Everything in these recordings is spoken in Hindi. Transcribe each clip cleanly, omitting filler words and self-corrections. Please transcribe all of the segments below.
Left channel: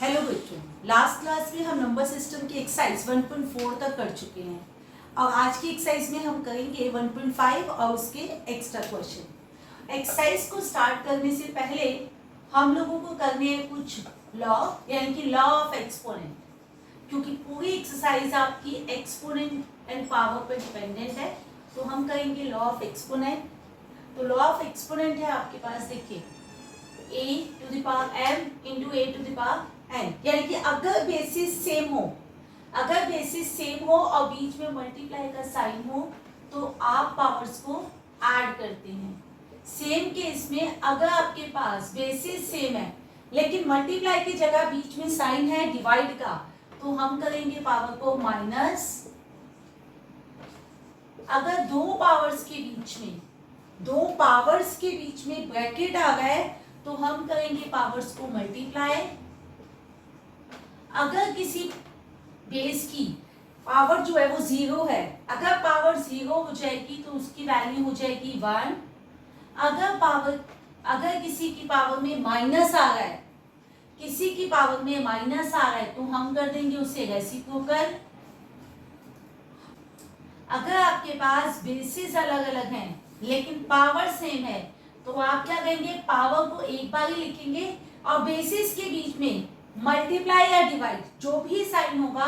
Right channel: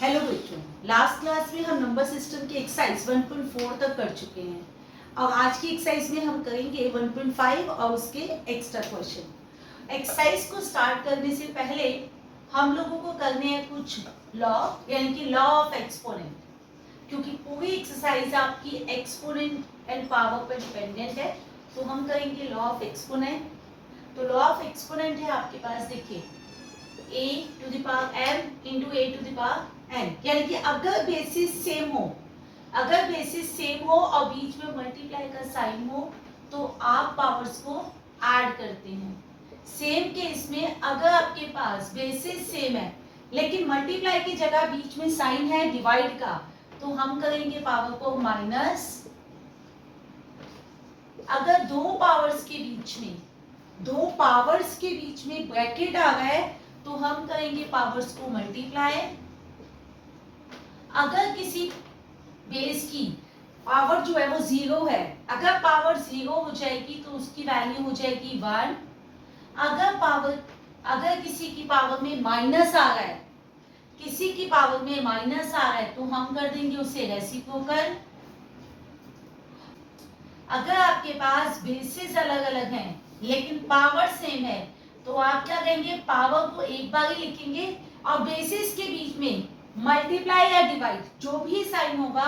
हेलो बच्चों, लास्ट क्लास में हम नंबर सिस्टम की एक्सरसाइज 1.4 तक कर चुके हैं और आज की एक्सरसाइज में हम करेंगे 1.5 और उसके एक्स्ट्रा क्वेश्चन। एक्सरसाइज को स्टार्ट करने से पहले हम लोगों को करने हैं कुछ लॉ, यानी कि लॉ ऑफ एक्सपोनेंट, क्योंकि पूरी एक्सरसाइज आपकी एक्सपोनेंट एंड पावर पर डिपेंडेंट है। तो हम करेंगे लॉ ऑफ एक्सपोनेंट। तो लॉ ऑफ एक्सपोनेंट है आपके पास, देखिए a to the power m into a to the power n, यानी कि अगर बेसिस सेम हो और बीच में मल्टीप्लाई का साइन हो तो आप पावर्स को ऐड करते हैं। सेम केस में अगर आपके पास बेसिस सेम है लेकिन मल्टीप्लाई की जगह बीच में साइन है डिवाइड का, तो हम करेंगे पावर को माइनस। अगर दो पावर्स के बीच में ब्रैकेट आ गए तो हम करेंगे पावर्स को मल्टीप्लाई। अगर किसी बेस की पावर जो है वो जीरो है, अगर पावर जीरो हो जाएगी तो उसकी वैल्यू हो जाएगी 1। अगर किसी की पावर में माइनस आ रहा है, तो हम कर देंगे उसे रेसिप्रोकल। अगर आपके पास बेसिस अलग अलग हैं लेकिन पावर सेम है तो आप क्या करेंगे, पावर को एक बार ही लिखेंगे और बेसिस के बीच में मल्टीप्लाई या डिवाइड जो भी साइन होगा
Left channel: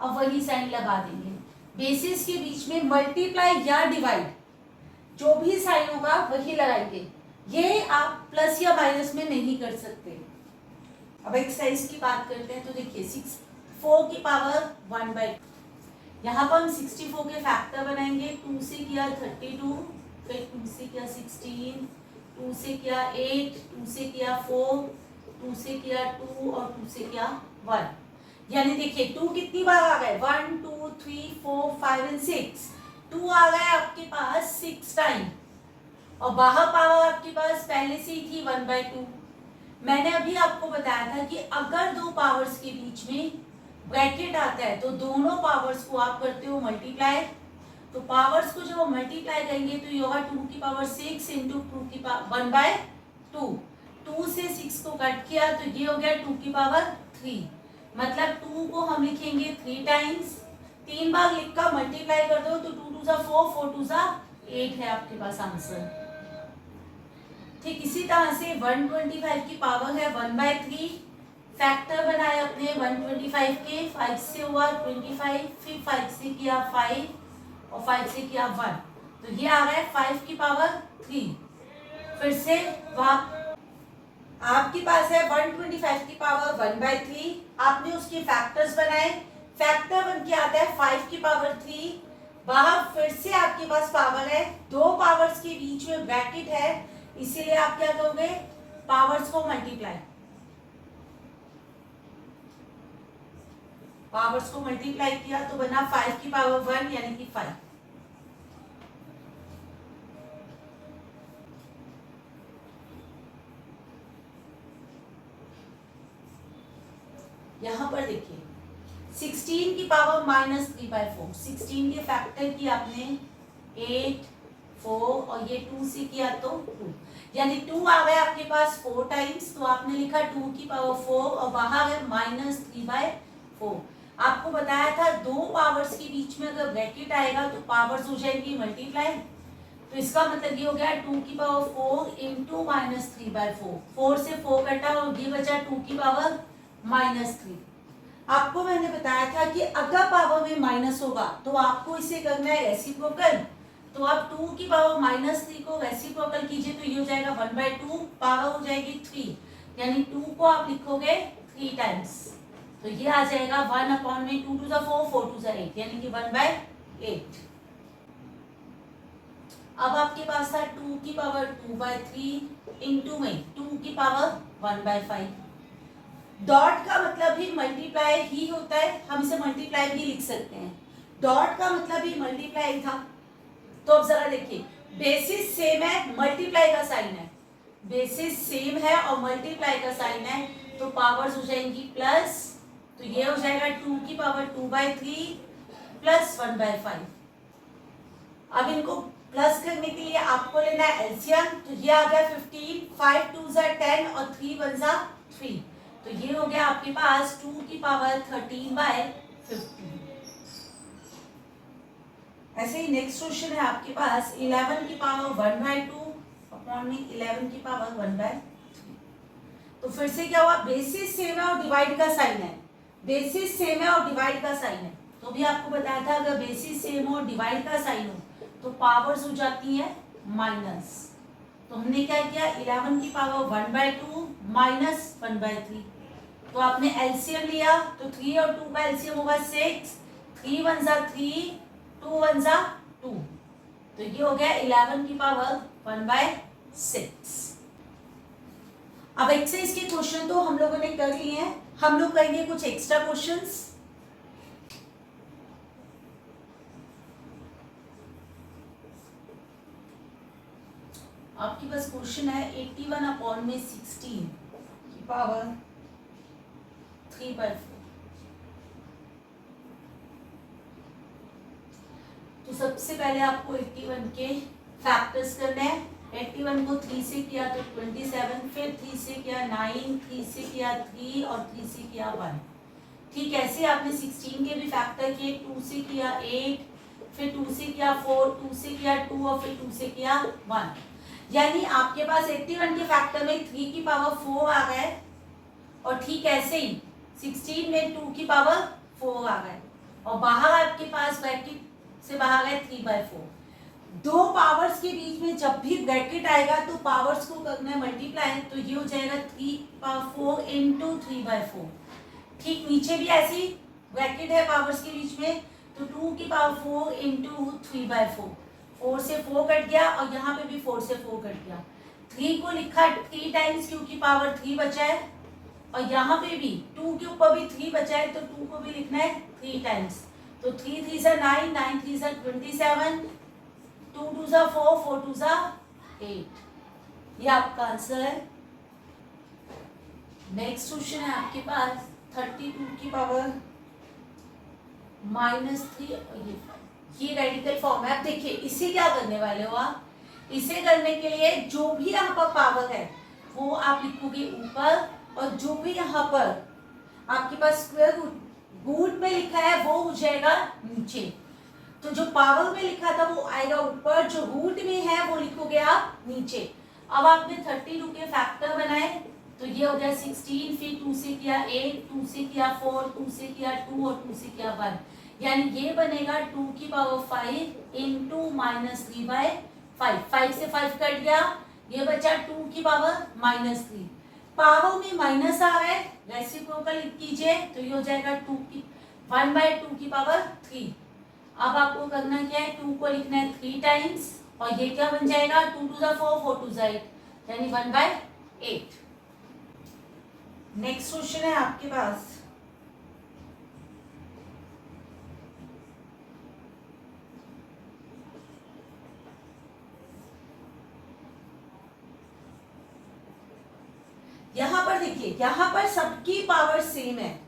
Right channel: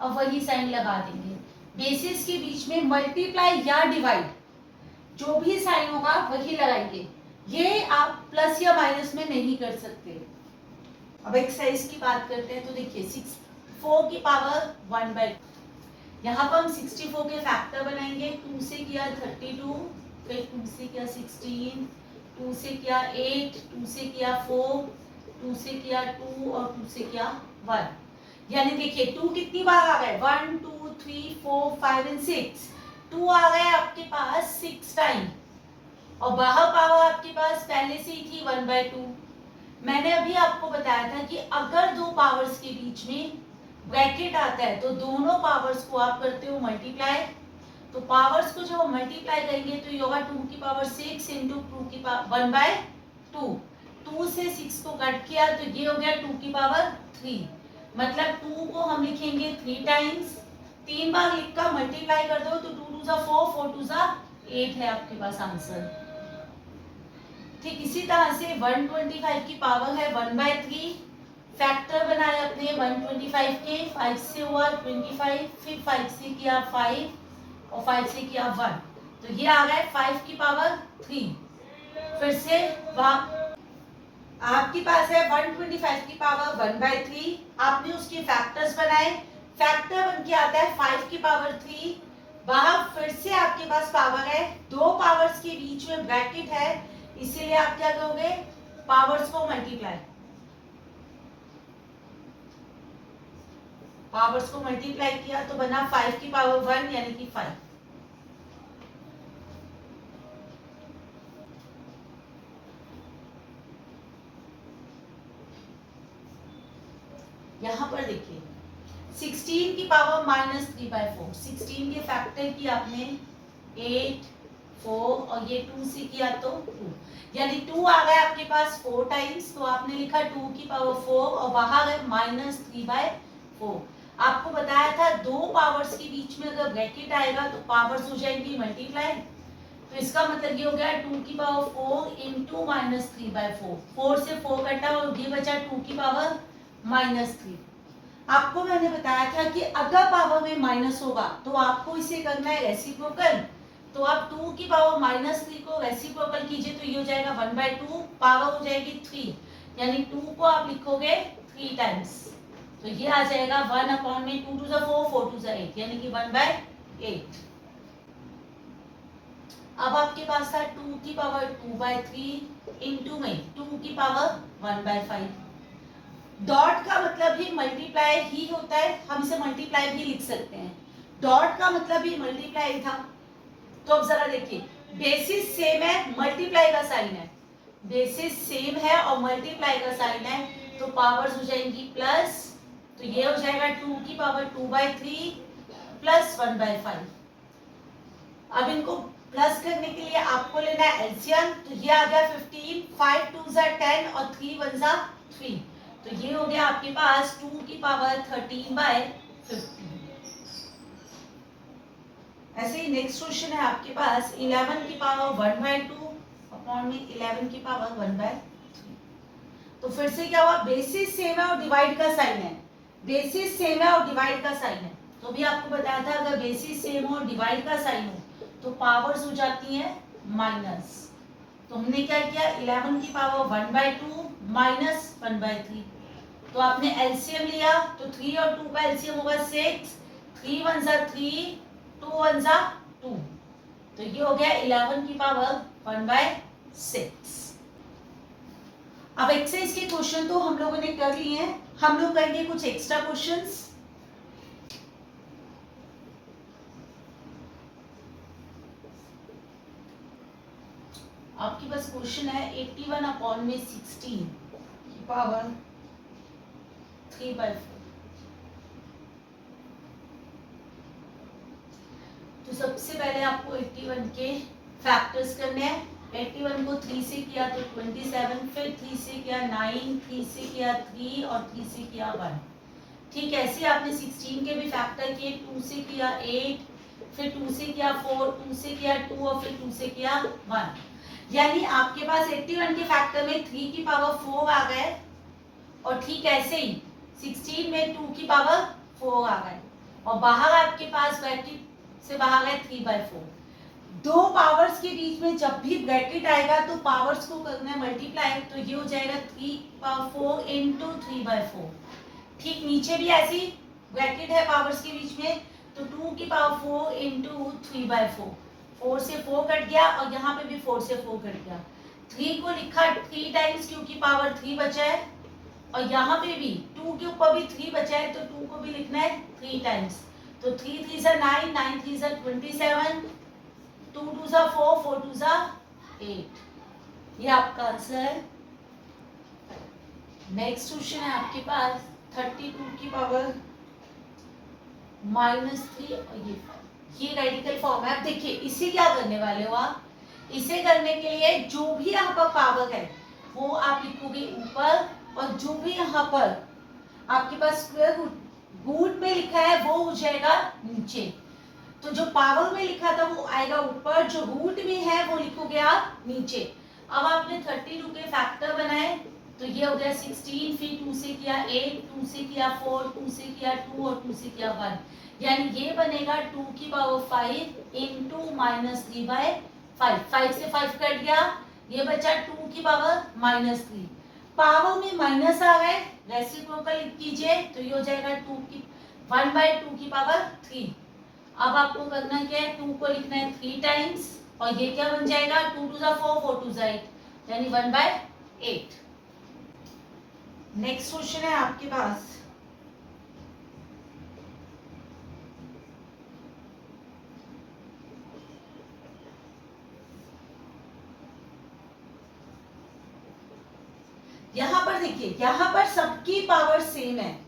और वही साइन लगा देंगे। बेसिस के बीच में मल्टीप्लाई या डिवाइड जो भी साइन होगा वही लगाएंगे। ये आप प्लस या माइनस में नहीं कर सकते। अब एक्सरसाइज की बात करते हैं तो देखिए 4 की पावर 1/2, यहाँ पर हम 64 के फैक्टर बनाएंगे। 2 से किया 32, फिर 2 से किया 16, 2 से किया 8, 2 से किया 4, 2 से किया 2 और 2 से किया 1। यानी देखिए 2 कितनी बार आ गए, 1 2 3 4 5 एंड 6। 2 आ गए आपके पास 6 टाइम और बाहर पावर आपके पास पहले से ही थी 1/2। मैंने अभी आपको बताया था कि अगर दो पावर्स के बीच में ब्रैकेट आता है तो दोनों पावर्स को आप करते हो मल्टीप्लाई। तो पावर्स को जब मल्टीप्लाई करेंगे तो ये होगा 2 की पावर 6 इंटू 2 की पावर 1/2। 2 से 6 को कट किया तो ये हो गया 2 की पावर 3। मतलब 2 को हम लिखेंगे 3 टाइम्स, 3 बार लिखकर मल्टीप्लाई कर दो तो 2 2 जा 4, 4 2 जा 8 है आपके पास आंसर। ठीक इसी तरह से 125 की पावर है 1/3। फैक्टर बनाए अपने 125 के, 5 से हुआ 25, फिर 5 से किया 5 और 5 से किया 1, तो ये आ गया 5 की पावर 3। फिर से आपके पास है 125 की पावर 1/3, आपने उसके फैक्टर्स बनाए। फैक्टर बन के आता है 5 की पावर 3। वहां फिर से आपके पास पावर है, दो पावर्स के बीच में ब्रैकेट है, इसीलिए आप क्या करोगे, पावर्स को मल्टीप्लाई। पावर्स को मल्टीप्लाई किया तो बना 5 की पावर 1 यानी कि 5। यहां पर देखिए 16 की पावर -3/4, 16 के फैक्टर की आपने 8 4 और ये 2 से किया तो 2, यानी 2 आ गया आपके पास 4 टाइम्स, तो आपने लिखा 2 की पावर 4 और बाहर है -3/4। आपको बताया था दो पावर्स के बीच में अगर ब्रैकेट आएगा तो पावर्स हो जाएंगी मल्टीप्लाई। तो इसका मतलब ये हो गया 2 की पावर 4 इंटू -3/4। 4 से 4 कटा और ये बचा 2 की पावर -3। आपको मैंने बताया था कि अगर पावर में माइनस होगा तो आपको इसे करना है रेसिप्रोकल। तो आप 2 की पावर -3 को रेसिप्रोकल कीजिए तो ये हो जाएगा 1/2, पावर हो जाएगी 3, यानी 2 को आप लिखोगे 3 टाइम्स तो ये आ जाएगा 1/में 2 2 जा 4, 4 2 जा 8, यानी कि 1/8। अब आपके पास था 2 की पावर 2/3 इंटू में 2 की पावर 1/5। डॉट का मतलब भी मल्टीप्लाई ही होता है, हम इसे मल्टीप्लाई भी लिख सकते हैं। डॉट का मतलब भी मल्टीप्लाई था। तो अब जरा देखिए, बेसिस सेम है, मल्टीप्लाई का साइन है, बेसिस सेम है और मल्टीप्लाई का साइन है, तो पावर्स हो जाएंगी प्लस। तो ये हो जाएगा 2 की पावर 2/3 प्लस 1/5। अब इनको प्लस करने के लिए आपको लेना है एलसीएम, तो ये आ गया 15, 5 2 जा 10 और 3 1 जा 3। तो ये हो गया आपके पास 2 की पावर 13/50। ऐसे ही नेक्स्ट क्वेश्चन है आपके पास 11 की पावर 1/2 अपॉन में 11 की पावर 1/3। तो फिर से क्या हुआ, बेसिस सेम है और डिवाइड का साइन है, बेसिस सेम है और डिवाइड का साइन है। तो भी आपको बताया था अगर बेसिस सेम हो डिवाइड का साइन हो तो पावर्स हो जाती है माइनस। तो हमने क्या किया, 11 की पावर 1/2 माइनस 1/3। तो आपने एलसीएम लिया तो 3 और 2 का एलसीएम होगा 6, 3 1 जा 3, 2 1 जा 2। तो ये हो गया 11 की पावर 1/6। अब एक्सरसाइज के क्वेश्चन तो हम लोगों ने कर लिए हैं, हम लोग करेंगे कुछ एक्स्ट्रा क्वेश्चंस। आपके पास क्वेश्चन है 81 अपॉन में 16 की पावर 3/4। तो सबसे पहले आपको 81 के फैक्टर्स करने हैं। 81 को 3 से किया तो 27, फिर 3 से किया 9, 3 से किया 3 और 3 से किया 1। ठीक ऐसे आपने 16 के भी फैक्टर किए, 2 से किया 8, फिर 2 से किया 4, 2 से किया 2 और फिर 2 से किया 1। यानी आपके पास 81 के फैक्टर में 3 की पावर 4 आ गए और ठीक ऐसे ही 16 में 2 की पावर 4 आ गए और बाहर आपके पास ब्रैकेट से बाहर गए 3/4। दो पावर्स के बीच में जब भी ब्रैकेट आएगा तो पावर्स को करना है मल्टीप्लाई, तो ये हो जाएगा 3/4 इंटू 3/4। ठीक नीचे भी ऐसी ब्रैकेट है पावर्स के बीच में, तो 2 की पावर 4 इंटू 3/4। 4 से 4 कट गया और यहाँ पे भी 4 से 4 कट गया। 3 को लिखा 3 टाइम्स क्योंकि पावर 3 बचा है और यहाँ पे भी 2 के ऊपर भी 3 बचा है तो 2 को भी लिखना है 3 टाइम्स। तो 3 3 जा 9, 9 3 जा 27, 2 2 जा 4, 4 2 जा 8। ये आपका आंसर है। नेक्स्ट क्वेश्चन है आपके पास 32 की पावर -3 और ये रेडिकल फॉर्म है। अब देखिए इसे क्या करने वाले हो आप, इसे करने के लिए जो भी यहाँ पर पावर है वो आप लिखोगे ऊपर और जो भी यहाँ पर आपके पास स्क्वायर रूट में लिखा है वो हो जाएगा नीचे। तो जो पावर में लिखा था वो आएगा ऊपर, जो रूट में है वो लिखोगे आप नीचे। अब आपने 32 के फैक्टर बनाए तो ये हो गया 16, फिर 2 से किया 8, 2 से किया 4, 2 से किया 2 और 2 से किया 1। यानी ये बनेगा 2 की पावर 5 इंटू -3/5। 5 से 5 कट गया, ये बचा 2 की पावर -3। पावर में माइनस आ गए, रेसिप्रोकल कीजिए तो ये हो जाएगा 1/2 की पावर 3। अब आपको करना क्या है, 2 को लिखना है 3 टाइम्स और ये क्या बन जाएगा 2 2 जा 4, 4 2 जा 8 यानी 1/8। नेक्स्ट क्वेश्चन है आपके पास यहाँ पर देखिए, यहाँ पर सबकी पावर सेम है,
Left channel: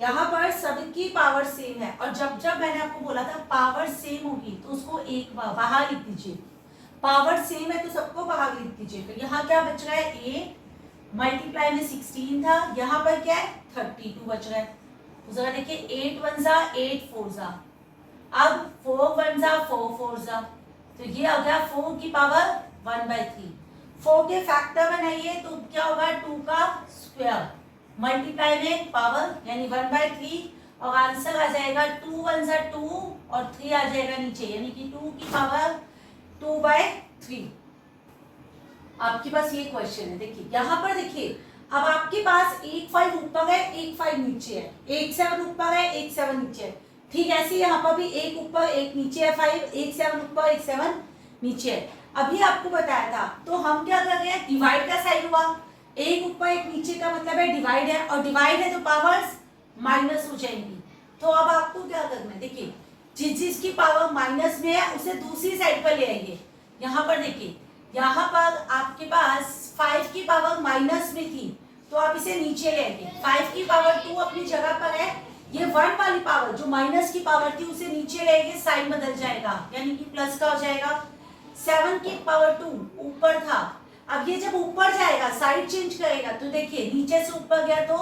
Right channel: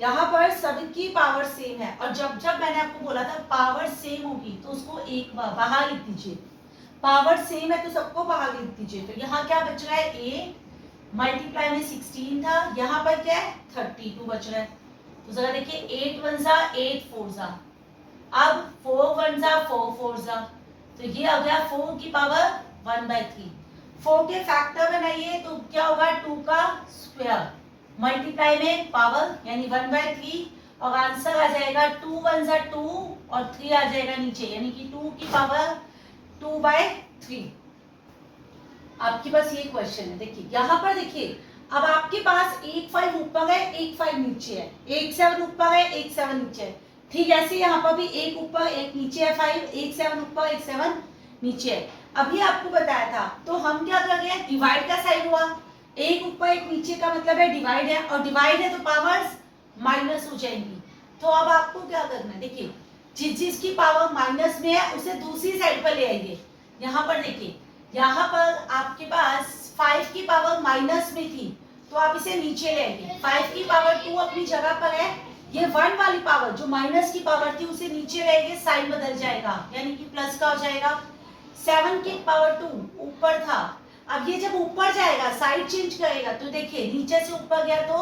यहाँ पर सबकी पावर सेम है और जब जब मैंने आपको बोला था पावर सेम होगी तो उसको एक बाहर लिख दीजिए। पावर सेम है तो सबको बाहर लिख दीजिए। तो यहाँ क्या बच रहा है, 8 मल्टीप्लाई में 16 था, यहाँ पर क्या है 32 बच रहा है। तो जरा देखिए 8 1 जा 8 4 जा, अब 4 1 जा 4 4 जा, तो ये आ गया 4 की पावर 1/3। 4 के फैक्टर बनाइए तो क्या होगा 2 का स्क्वायर मल्टीप्लाई में पावर यानी 1/3 और आंसर आ जाएगा 2 1 जा 2 और 3 आ जाएगा नीचे यानी कि 2 की पावर 2/3। आपके पास ये क्वेश्चन है, देखिए यहाँ पर देखिए अब आपके पास 1 5 ऊपर है 1 5 नीचे है, 1 7 ऊपर है 1 7 नीचे है। ठीक ऐसे यहाँ पर भी 1 ऊपर 1 नीचे है 5, 1 7 ऊपर 1 7 नीचे है। अभी आपको बताया था तो हम क्या कर रहे हैं, डिवाइड का साइड हुआ, 1 ऊपर 1 नीचे का मतलब है डिवाइड है और डिवाइड है तो पावर्स माइनस हो जाएंगी। तो अब आपको क्या करना है, देखिए जिस जिसकी पावर माइनस में है उसे दूसरी साइड पर ले आइए। यहाँ पर देखिए, यहाँ पर आपके पास 5 की पावर माइनस में थी तो आप इसे नीचे ले आइए। 5 की पावर 2 अपनी जगह पर है, ये 1 वाली पावर जो माइनस की पावर थी उसे नीचे ले आइए, साइन बदल जाएगा यानी कि प्लस का हो जाएगा। 7 की पावर 2 ऊपर था, अब ये जब ऊपर जाएगा, साइड चेंज करेगा, तो देखिए नीचे से ऊपर गया तो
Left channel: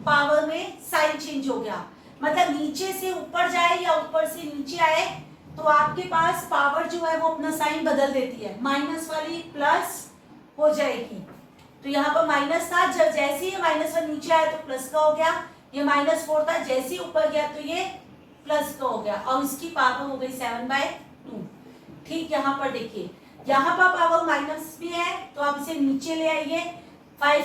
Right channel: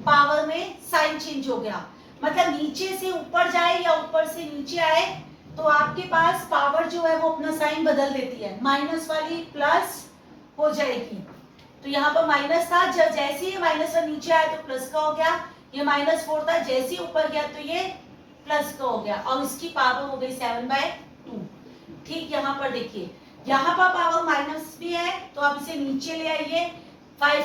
पावर में साइन चेंज हो गया, मतलब नीचे से ऊपर जाए या ऊपर से नीचे आए तो आपके पास पावर जो है वो अपना साइन बदल देती है, माइनस वाली प्लस हो जाएगी। तो यहाँ पर माइनस था, जब जैसे ही माइनस वन नीचे आया तो प्लस का हो गया, ये -4 था, जैसे ही ऊपर गया तो ये प्लस का हो गया, और इसकी पावर हो गई 7/2। ठीक, यहाँ पर देखिए, यहाँ पर पावर माइनस भी है तो आप इसे नीचे ले आइए, 5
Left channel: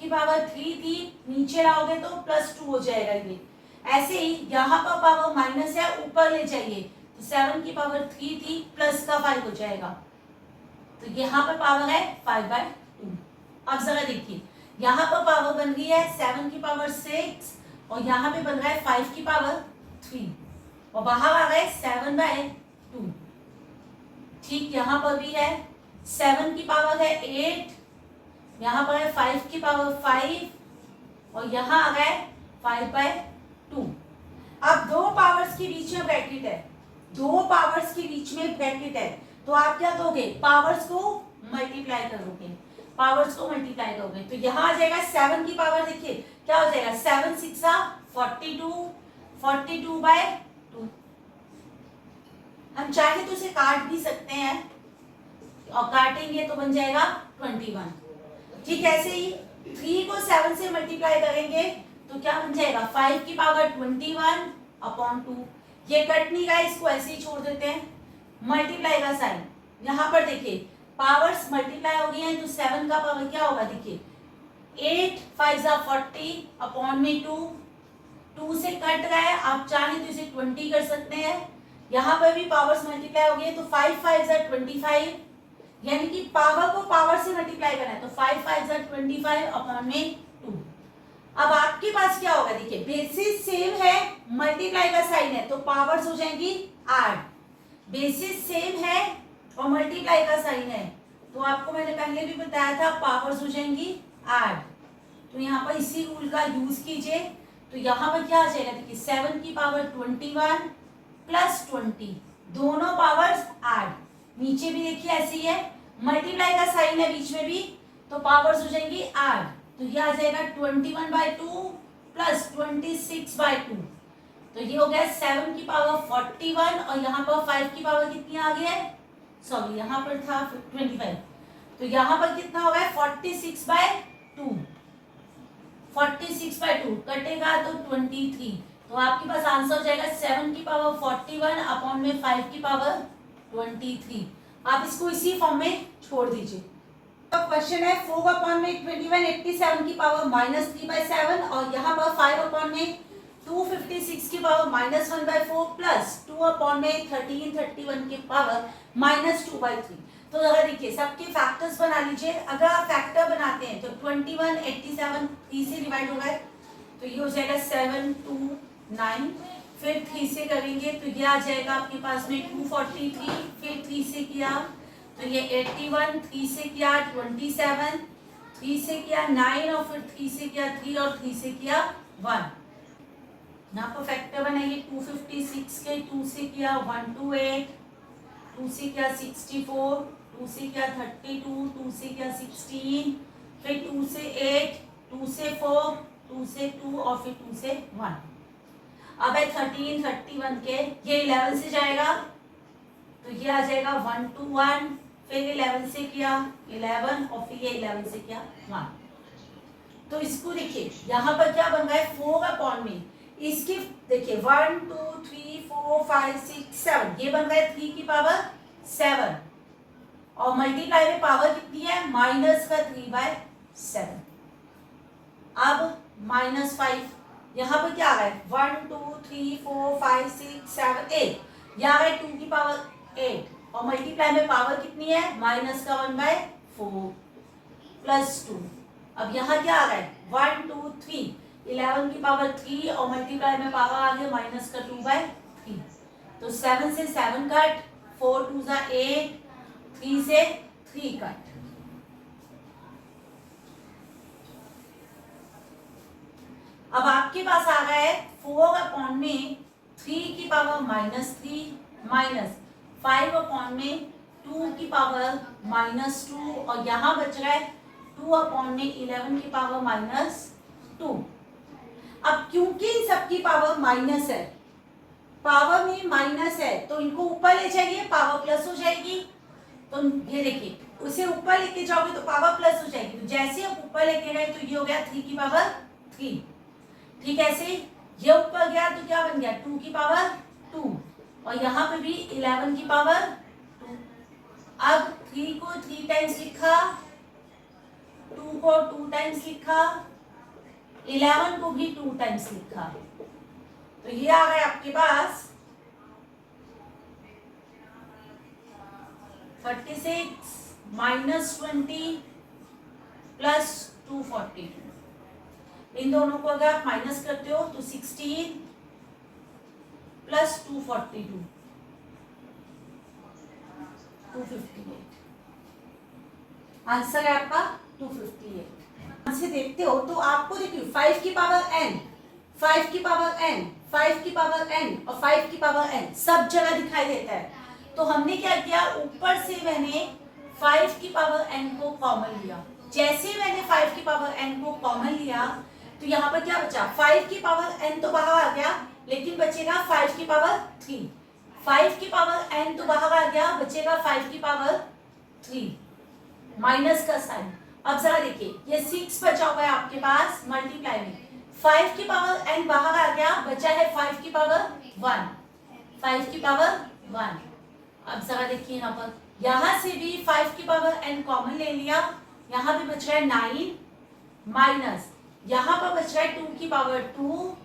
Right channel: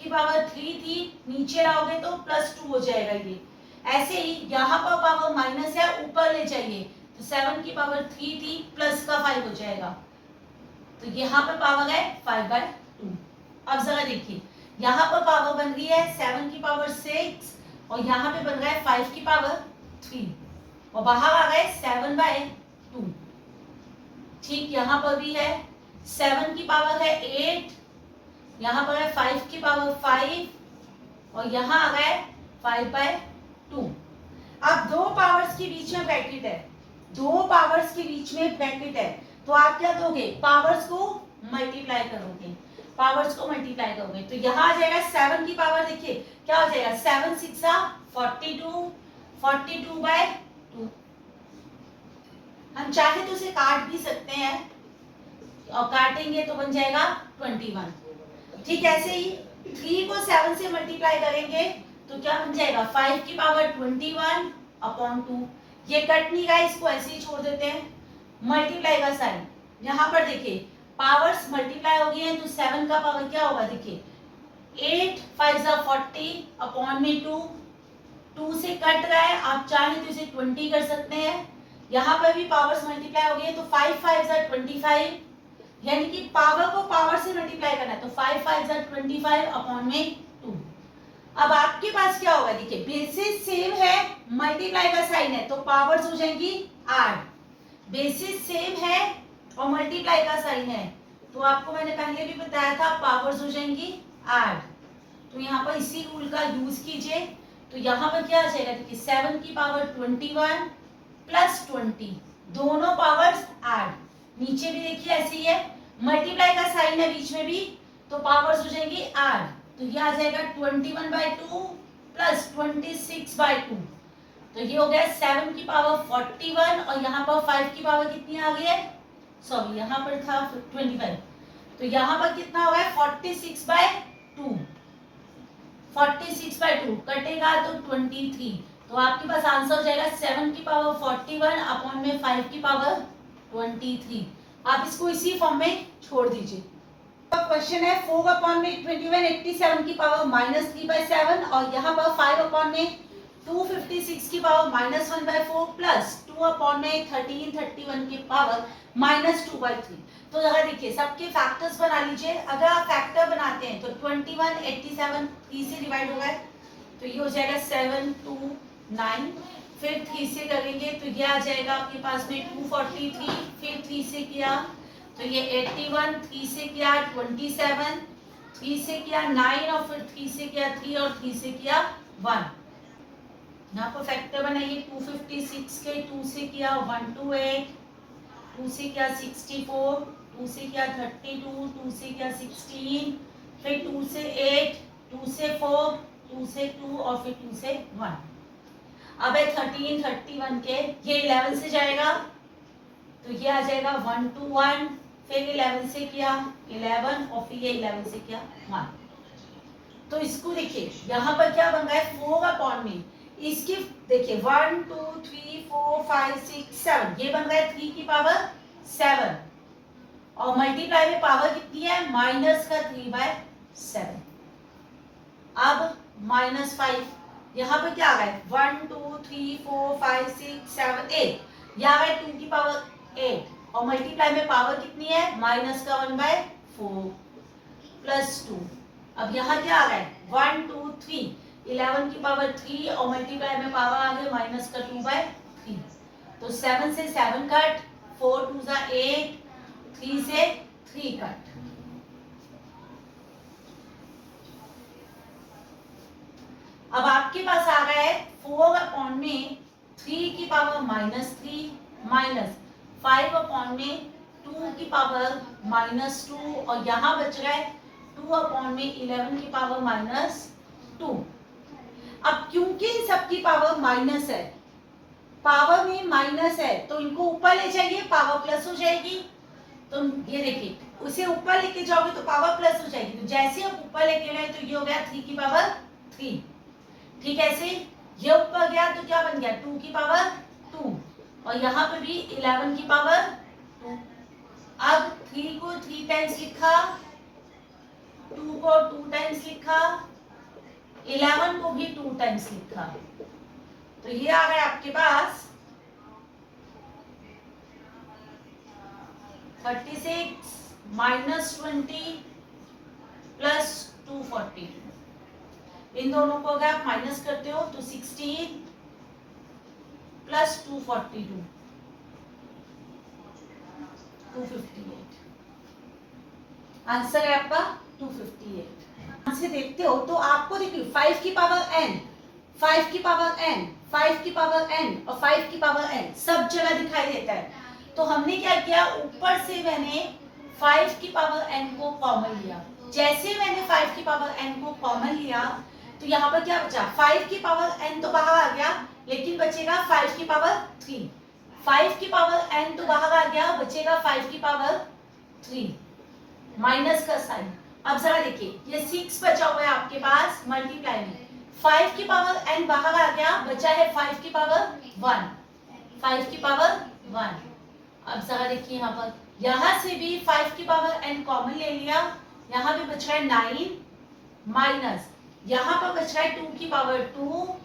की पावर 3 थी, नीचे लाओगे तो +2 हो जाएगा ये। ऐसे ही यहाँ पर पावर माइनस है, ऊपर ले जाइए तो 7 की पावर 3 थी, प्लस का 5 हो जाएगा, तो यहाँ पर पावर है 5/2। अब जरा देखिए, यहाँ पर पावर बन गई है 7 की पावर 6 और यहाँ पे बन रहा है 5 की पावर 3 और बाहर आ गए 7/2। ठीक, यहाँ पर भी है 7 की पावर है 8, यहाँ पर है 5 की पावर 5 और यहाँ आ गया 5/2। अब दो पावर्स के बीच में ब्रैकेट है, दो पावर्स के बीच में ब्रैकेट है, तो आप क्या दोगे, पावर्स को मल्टीप्लाई करोगे, पावर्स को मल्टीप्लाई करोगे, तो यहाँ आ जाएगा 7 की पावर, देखिए क्या हो जाएगा, 7 6 42, 42/2। हम चाहे तो उसे काट भी सकते हैं और काटेंगे तो बन जाएगा 21। ठीक, ऐसे ही 3 को 7 से मल्टीप्लाई करेंगे तो क्या बन जाएगा, 5 की पावर 21/2। ये कट नहीं रहा, इसको ऐसे ही छोड़ देते हैं, मल्टीप्लाई का साइन, यहाँ पर देखिए पावर्स मल्टीप्लाई हो गई हैं तो 7 का पावर क्या होगा, देखिए 8 5 40/2, 2 से कट रहा है, आप चाहें तो इसे 20 कर सकते हैं। यहाँ पर भी पावर्स मल्टीप्लाई हो गई है तो 5 5 25, यानी कि पावर को पावर से मल्टीप्लाई करना है तो 5 5 25/2। अब आपके पास क्या होगा, देखिए बेसिस सेम है, मल्टीप्लाई का साइन है तो पावर्स हो जाएंगी 8, बेसिस सेम है और मल्टीप्लाई का साइन है तो आपको मैंने पहले भी बताया था पावर्स हो जाएंगी 8। तो यहाँ पर इसी रूल का यूज कीजिए, तो यहाँ पर क्या आ जाएगा, देखिए 7 की पावर 21 प्लस 20, दोनों पावर्स 8, नीचे भी देखिए ऐसे ही है, मल्टीप्लाई का साइन है बीच में भी तो पावर्स हो जाएंगी 8, तो ये आ जाएगा 21/2 प्लस 26/2, तो ये हो गया 7 की पावर 41 और यहाँ पर 5 की पावर कितनी आ गई है, सॉरी यहाँ पर था 25, तो यहाँ पर कितना होगा 46/2, 46/2 कटेगा तो 23, तो आपके पास आंसर हो जाएगा 7 की पावर 41 अपॉन में 5 की पावर 23। आप इसको इसी फॉर्म में छोड़ दीजिए। अब क्वेश्चन है 4 अपॉन में 21 87 की पावर -3/7 और यहाँ पर 5 अपॉन में 256 की पावर -1/4 प्लस 2 अपॉन में 1331 की पावर -2/3। तो अगर देखिए सबके फैक्टर्स बना लीजिए, अगर आप फैक्टर बनाते हैं तो 21 87 3 से डिवाइड होगा तो ये हो जाएगा 7 2 9, फिर 3 से करेंगे तो ये आ जाएगा आपके पास में 243, फिर 3 से किया तो ये 81, 3 से किया 27, 3 से किया 9 और फिर 3 से किया 3 और 3 से किया 1। यहाँ पर फैक्टर बनाइए 256 के 2 से किया 128, 2 से किया 64, 2 से किया 32, 2 से किया 16, फिर 2 से 8, 2 से 4, 2 से 2 और फिर 2 से 1। अब है 13 31 के, ये 11 से जाएगा तो ये आ जाएगा 1 2 1, फिर 11 से किया 11 और फिर ये 11 से किया 1। तो इसको देखिए यहाँ पर क्या बन रहा है 4 अपॉन में, इसकी देखिए 1 2 3 4 5 6 7, ये बन रहा है 3 की पावर 7 और मल्टीप्लाई में पावर कितनी है -3/7। अब -5, यहाँ पर क्या आ गया 1 2 3 4 5 6 7 8, यहाँ है 2 की पावर 8 और मल्टीप्लाई में पावर कितनी है -1/4 प्लस 2। अब यहाँ क्या आ रहा है 1 2 3, 11 की पावर 3 और मल्टीप्लाई में पावर आ गया -2/3, तो 7 से 7 कट, 4 2 8, 3 से 3 कट। अब आपके पास आ गया है 4 अपॉन में 3 की पावर -3 माइनस 5 अपॉन में 2 की पावर -2 और यहाँ बच रहा है 2/11 की पावर -2। अब क्योंकि इन सब की पावर माइनस है, पावर में माइनस है, तो इनको ऊपर ले जाइए, पावर प्लस हो जाएगी। तो ये देखिए, उसे ऊपर लेके जाओगे तो पावर प्लस हो जाएगी, तो जैसे आप ऊपर लेके गए तो ये हो गया 3 की पावर 3। ठीक है, ऐसे ये ऊपर गया तो क्या बन गया 2 की पावर 2 और यहाँ पे भी 11 की पावर 2। अब 3 को 3 टाइम्स लिखा, 2 को 2 टाइम्स लिखा, 11 को भी 2 टाइम्स लिखा, तो ये आ गया आपके पास 36 -20 प्लस 242। इन दोनों को अगर आप माइनस करते हो तो 16 प्लस 242 258। आंसर है आपका 258। से देखते हो तो आपको देखिए 5 की पावर n, 5 की पावर n, 5 की पावर n और 5 की पावर n सब जगह दिखाई देता है। तो हमने क्या किया, ऊपर से मैंने 5 की पावर n को कॉमन लिया। जैसे मैंने 5 की पावर n को कॉमन लिया तो यहाँ पर क्या बचा, 5 की पावर n तो बाहर आ गया, लेकिन बचेगा 5 की पावर 3। 5 की पावर n तो बाहर आ गया, बचेगा 5 की पावर 3, माइनस का साइन। अब जरा देखिए, ये 6 बचा हुआ है आपके पास मल्टीप्लाई में, 5 की पावर n बाहर आ गया, बचा है 5 की पावर 1, 5 की पावर 1। अब जरा देखिए यहाँ पर, यहाँ से भी 5 की पावर n कॉमन ले लिया, यहाँ भी बच रहा है 9 माइनस, यहाँ पर बच रहा है 2 की पावर 2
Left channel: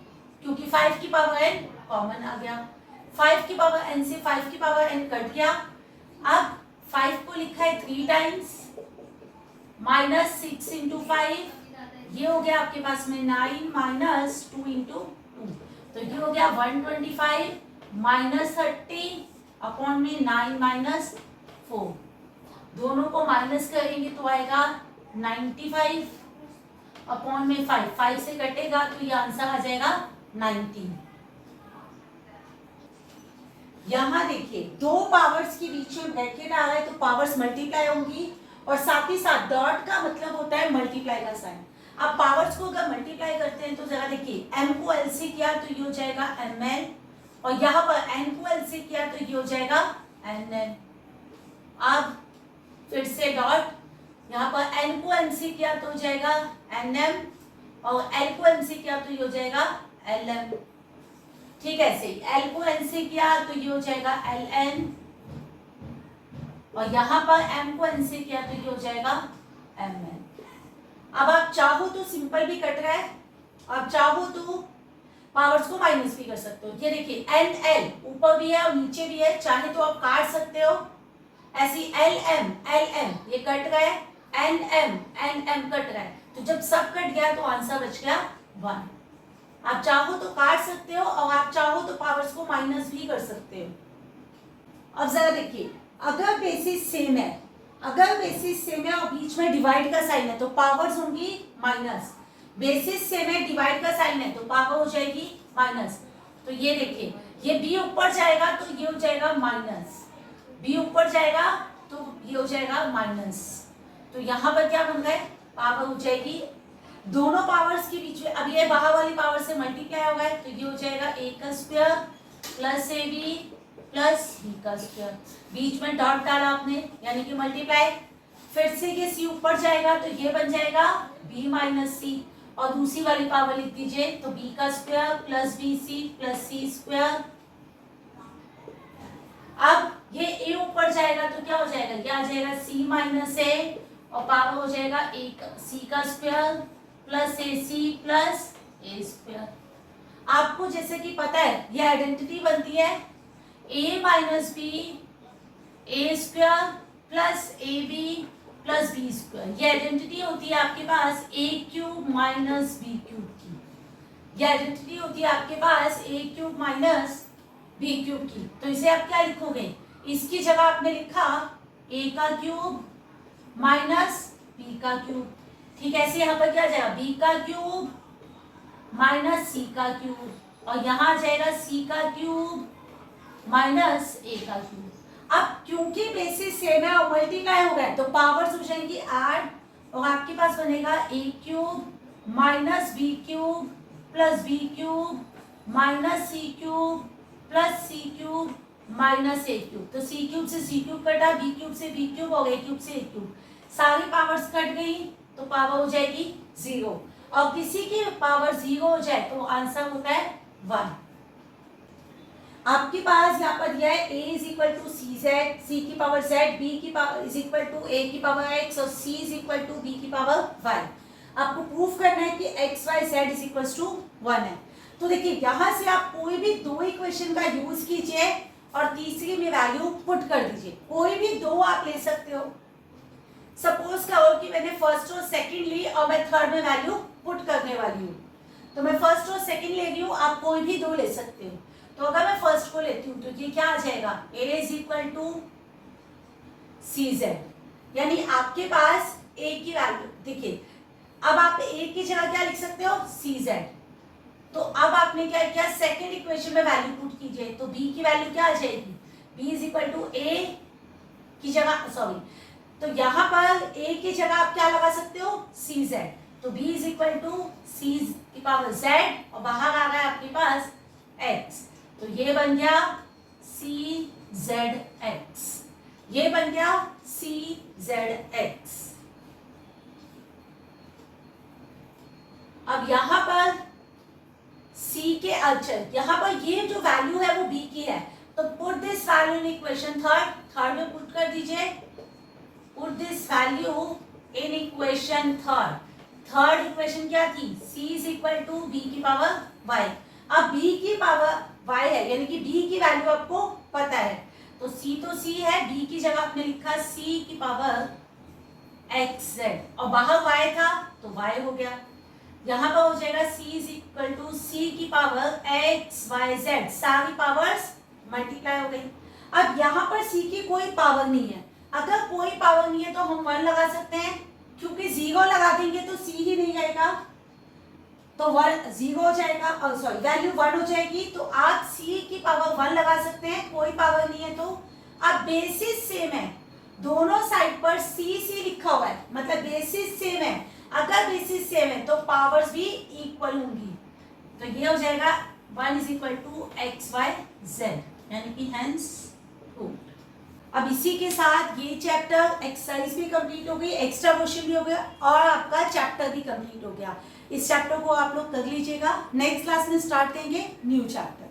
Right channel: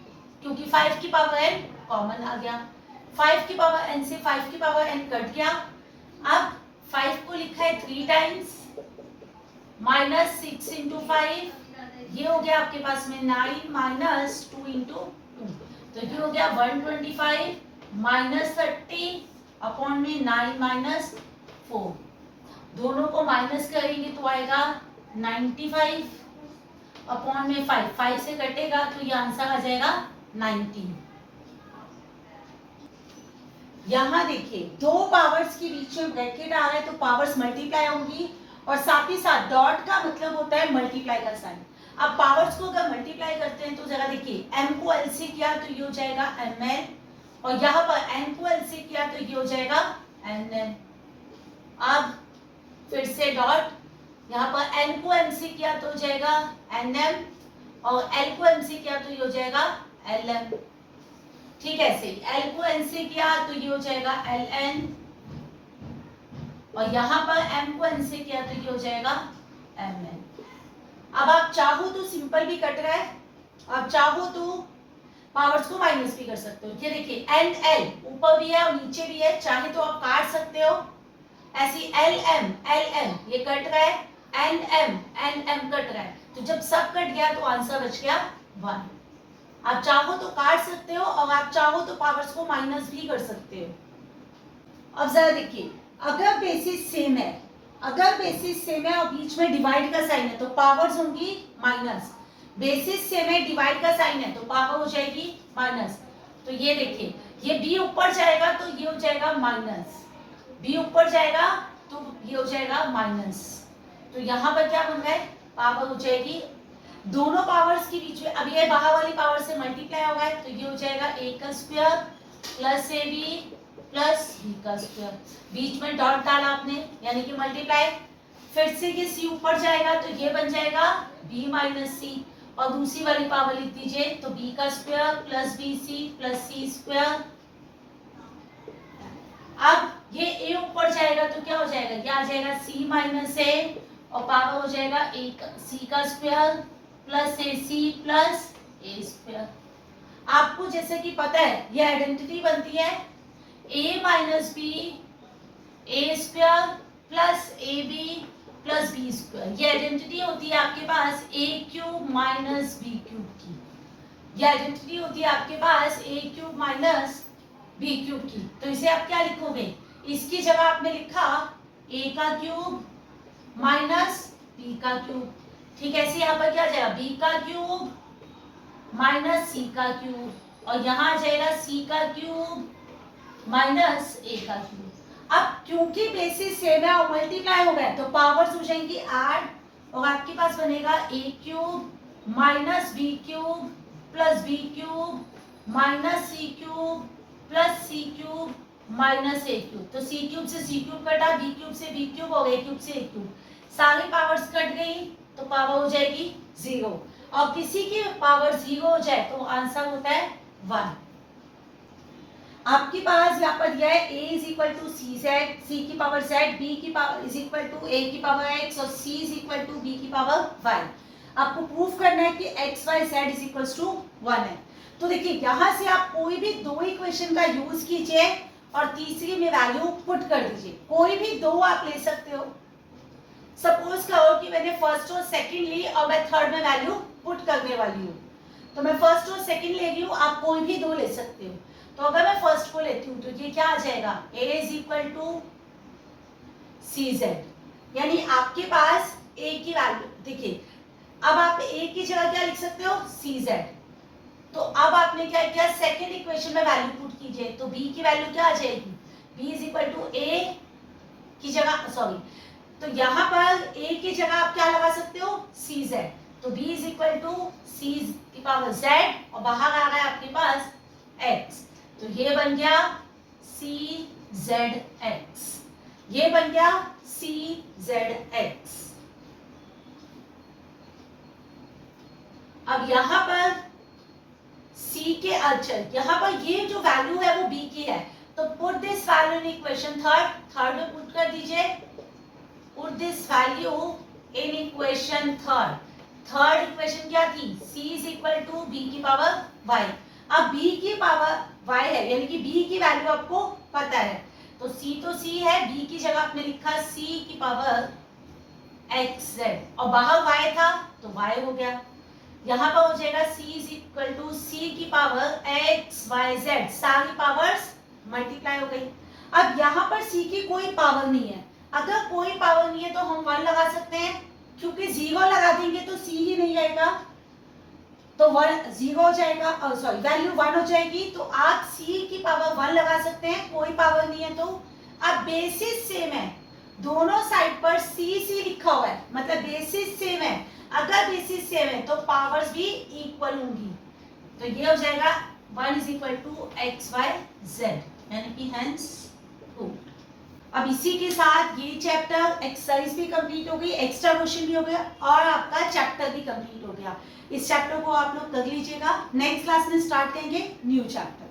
क्योंकि 5 की पावर n कॉमन आ गया। 5 की पावर n से 5 की पावर n कट गया। अब 5 को लिखा है 3 टाइम्स, माइनस 6 इंटू 5, ये हो गया आपके पास में 9 माइनस 2 इंटू 2, तो ये हो गया 125 माइनस 30 अपॉन में 9 माइनस 4। दोनों को माइनस करेंगे तो आएगा 95 अपॉन में 5, 5 से कटेगा तो ये आंसर आ जाएगा 19। यहाँ देखिए, दो पावर्स के बीच में ब्रैकेट आ रहा है तो पावर्स मल्टीप्लाई होंगी और साथ ही साथ डॉट का मतलब होता है मल्टीप्लाई का साइन। अब पावर्स को अगर मल्टीप्लाई करते हैं तो जरा देखिए, m को l से किया तो ये हो जाएगा mn और यहाँ पर n को l से किया तो ये हो जाएगा nn। अब फिर से डॉट, यहाँ पर n को n से किया तो हो जाएगा nm और l को m से किया तो ये हो जाएगा lm। ठीक है, ऐसे l को n से किया तो ये हो जाएगा ln और यहाँ पर m को n से किया तो ये हो जाएगा mn। अब आप चाहो तो सिंपल भी कट रहा है, आप चाहो तो पावर्स को माइनस भी कर सकते हो। ये देखिए एन एल ऊपर भी है और नीचे भी है, चाहे तो आप काट सकते हो। ऐसी एल एम ये कट रहा है, एन एम कट रहा है, तो जब सब कट गया तो आंसर बच गया 1। आप चाहो तो काट सकते हो और आप चाहो तो पावर्स को माइनस भी कर सकते हो। अब जरा देखिए, अगर बेसिस सेम है, अगर बेसिस सेम है और बीच में डिवाइड का साइन है तो पावर्स होंगी माइनस। बेसिस सेम है, डिवाइड का साइन है तो पावर हो जाएगी माइनस। तो ये देखिए, ये b ऊपर जाएगा तो ये हो जाएगा माइनस, b ऊपर जाएगा तो ये हो जाएगा माइनस। तो यहाँ पर क्या बन गए, पावर हो जाएगी दोनों पावर्स के बीच में। अब ये बाहर वाली पावर से मल्टीप्लाई होगा तो ये हो जाएगा a का square plus ab plus b का स्क्वायर। बीच में डॉट डाला आपने यानी कि मल्टीप्लाई। फिर से ये c ऊपर जाएगा तो ये बन जाएगा b माइनस c और दूसरी वाली पावर लिख दीजिए तो b का square plus bc plus c square. अब ये a ऊपर जाएगा तो क्या हो जाएगा, ये आ जाएगा c माइनस a और पावर हो जाएगा c का square plus ac plus a square. आपको जैसे कि पता है ये आइडेंटिटी बनती है a minus B A square plus A B plus B square. ये आइडेंटिटी होती है आपके पास a cube minus B cube की। ये आइडेंटिटी होती है आपके पास a cube minus B cube की। तो इसे आप क्या लिखोगे, इसकी जगह आपने लिखा a का क्यूब माइनस b का क्यूब। ठीक है, ऐसे यहाँ पर क्या आ जाएगा b का क्यूब माइनस c का क्यूब और यहाँ आ जाएगा c का क्यूब माइनस a का क्यूब। अब क्योंकि बेसिस सेम है और मल्टीप्लाई हो गया तो पावर्स हो जाएंगी ऐड, और आपके पास बनेगा A cube minus B cube plus B cube minus C cube plus C cube minus A cube. तो सी क्यूब से सी क्यूब कटा, बी क्यूब से बी क्यूब और ए क्यूब से ए क्यूब, सारी पावर्स कट गई तो पावर हो जाएगी 0। और किसी की पावर 0 हो जाए तो आंसर होता है 1। आपके पास यहाँ पर दिया है a is equal to C Z, C की पावर z, b की power is equal to a की पावर x और c is equal to b की पावर y। आपको प्रूफ करना है कि x y z is equal to 1 है। तो देखिए यहाँ से आप कोई भी दो इक्वेशन का यूज कीजिए और तीसरी में वैल्यू पुट कर दीजिए, कोई भी दो आप ले सकते हो। सपोज करो कि मैंने फर्स्ट और सेकंड ली और मैं थर्ड में वैल्यू पुट करने वाली हूँ, तो मैं फर्स्ट और सेकंड ले रही हूँ, आप कोई भी दो ले सकते हो। तो अगर मैं फर्स्ट को लेती हूँ तो ये क्या आ जाएगा, a is equal to C Z, यानी आपके पास a की वैल्यू देखिए, अब आप a की जगह क्या लिख सकते हो, सी जेड। तो अब आपने क्या किया, सेकंड इक्वेशन में वैल्यू पुट कीजिए, तो b की वैल्यू क्या आ जाएगी, b is equal to a की जगह सॉरी, तो यहाँ पर a की जगह आप क्या लगा सकते हो, सी जेड। तो b इज इक्वल टू सी की पावर z और बाहर आ गया आपके पास x, तो ये बन गया सी जेड एक्स, ये बन गया सी जेड एक्स। अब यहां पर c के अचर, यहां पर ये जो वैल्यू है वो b की है, तो put this value in equation third में पुट कर दीजिए, put this value in equation third equation क्या थी, c is equal to b की पावर y। अब b की पावर y है, यानी कि b की वैल्यू आपको पता है, तो c तो c है, b की जगह आपने लिखा c की पावर xz और बाहर y था तो y हो गया। यहाँ पर हो जाएगा c is equal to c की पावर x y z, सारी पावर्स मल्टीप्लाई हो गई। अब यहाँ पर c की कोई पावर नहीं है, अगर कोई पावर नहीं है तो हम 1 लगा सकते हैं, क्योंकि 0 लगा देंगे तो c ही नहीं आएगा, तो 1 0 हो जाएगा, सॉरी वैल्यू 1 हो जाएगी, तो आप c की पावर 1 लगा सकते हैं, कोई पावर नहीं है तो। अब बेसिस सेम है, दोनों साइड पर c लिखा हुआ है, मतलब बेसिस सेम है, अगर बेसिस सेम है तो पावर्स भी इक्वल होंगी, तो ये हो जाएगा 1 is equal to X Y Z, यानी कि हेंस प्रूव्ड। अब इसी के साथ ये चैप्टर एक्सरसाइज भी कंप्लीट हो गई, एक्स्ट्रा क्वेश्चन भी हो गया और आपका चैप्टर भी कंप्लीट हो गया। इस चैप्टर को आप लोग कर लीजिएगा, नेक्स्ट क्लास में स्टार्ट करेंगे न्यू चैप्टर।